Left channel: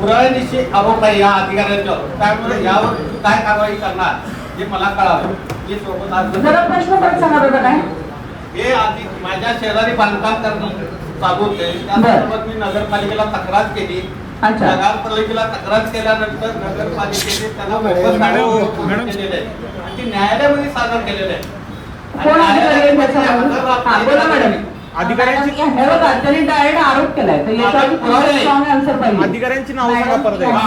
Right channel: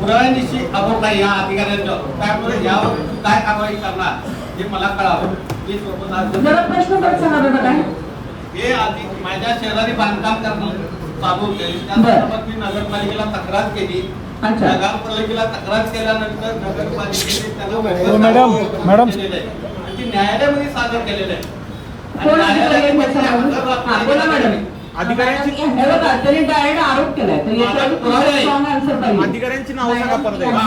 पुराव्यानिशी अभोपाई या अधिकाऱ्यांच्या त्यामुळे यावर काय कारवाई करणार हे मला कळावं. हे सोबत आज जरा प्रश्न परत सांगा बरं काय हे आधी माझ्या शेजारी बांधकाम करणं चालू होते त्यासोबत मी नगरपालिकेला तक्रार केली. अच्छा. नगरपालिकेला तक्रार केल्यानंतर नगरपालिकेने त्याला मॅडम. केलेलं आहे आणि ती न्यायालयामध्ये सादर केलेलं आहे. कोण अधिकारी बोला मॅडम. अधिकाऱ्यांची हे बघा त्यांनी डायरेक्ट आरोप केलाय तर याच्यावर स्ट्रॉंग आन्सर पाहिजे. अधिकाऱ्यांची नाव सांगा परत एकदा.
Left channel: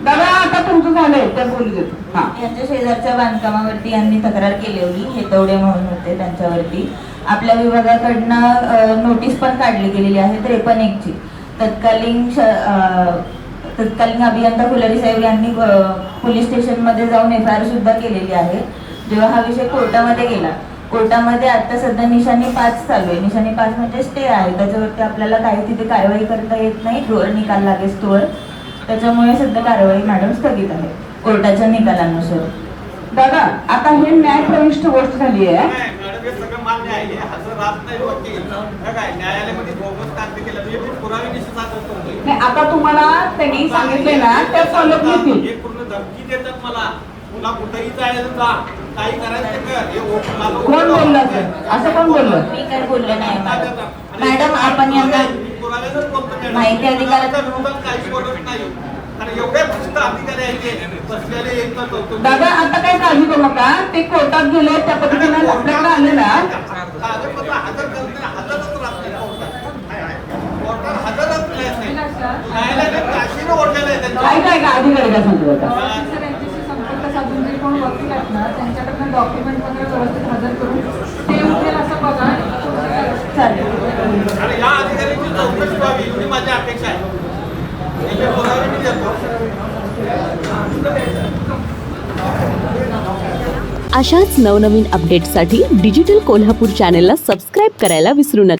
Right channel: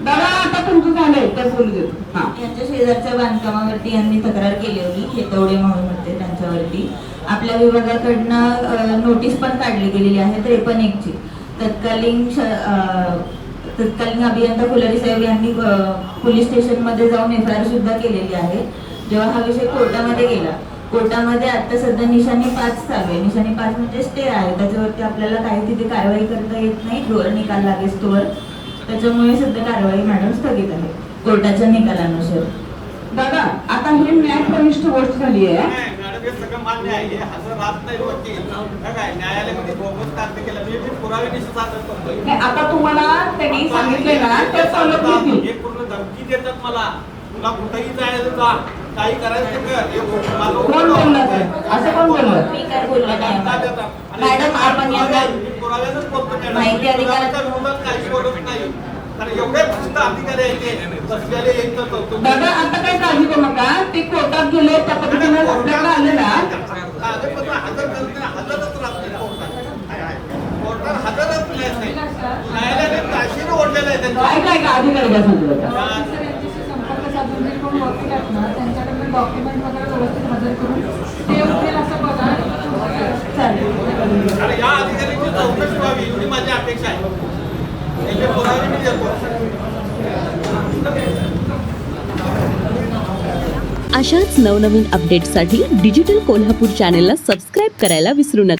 दादा आता तुमचं झालंय तर बोलू देतो. हा यांच्या शेजारच्या बांधकामावरती यांनी तक्रार केली होती. हेतवडे म्हणून होते त्यांच्यावरती. आपल्या विभागाकडनं नोटीस पण काढली गेलेली आहे 53 ची. तत्कालीन अभियंता फुलारी साहेब यांनी पोलीस स्टेशन मध्ये जाऊन FIR सुद्धा केलेली आहे. जेव्हा हा विषय कोर्टामध्ये गेला, कोर्टामध्ये आता सध्या निशाणी 5 चालू आहे. निशाणी 5 म्हणजे स्टे आहे, त्याच्यावरती आपल्याला काही तिथे कारवाई करता येत नाही जोवर निकाल लागेल तोवर. त्याच्यामुळे सध्या कारवाई मॅडम स्थगित आहे कोर्टाच्या निकालानुसार. दादा आता हे न्यायप्रविष्ट गोष्ट झाली आहे. मॅडम हे सगळं मान्य आहे. हे हजर राहत नाही वकील काय न्यायालयामध्ये बोगस कार्य केलं मी पुराव्यानिशी सादर करतोय. नाही, आता तुम्हाला त्यांनी सांगितले ना त्या फॉलो करतील. हे पूर्ण धमकी देतात मला. पुन्हा कुठेही जायचं जा काही करायचं कर. हे मला कोण बोललं ते? असं कोण बोललं? स्पीकर बोलला नाही. मॅडम आपण यांना पुराव्यातच बोलतो मॅडम. माहिती अधिकाराच्या विरोधात काही बोलत नाही. कारण एवढे भ्रष्ट अधिकारी आहेत ते बसलेले येतात. दादा आता काय काळजी करू नका. ते कोर्टात गेले त्या पद्धतीने आपल्याकडे आलेला कागदपत्र हजर करत नाही. हजरच राहत नाही कोर्टात. कोर्टात हजरच नाही. न्यायालयाने काशीने ओढलेलं आहे त्यांच्या. काय काय का अधिकारी काय सांगतो दादा? त्यांच्याकडनं डॉक्युमेंट वगैरे व्यवस्थित हजर करून ते उठेल असं बघा. चालेल. आणि या अधिकाऱ्यांची चौकशी व्हावी एवढी माझी अपेक्षा आहे. त्याचे पुरावे मी देतो. अशाच नवनवीन अपडेट्ससाठी डिजिटल कोल्हापूर चॅनेलला सबस्क्राईब करायला विसरू नका.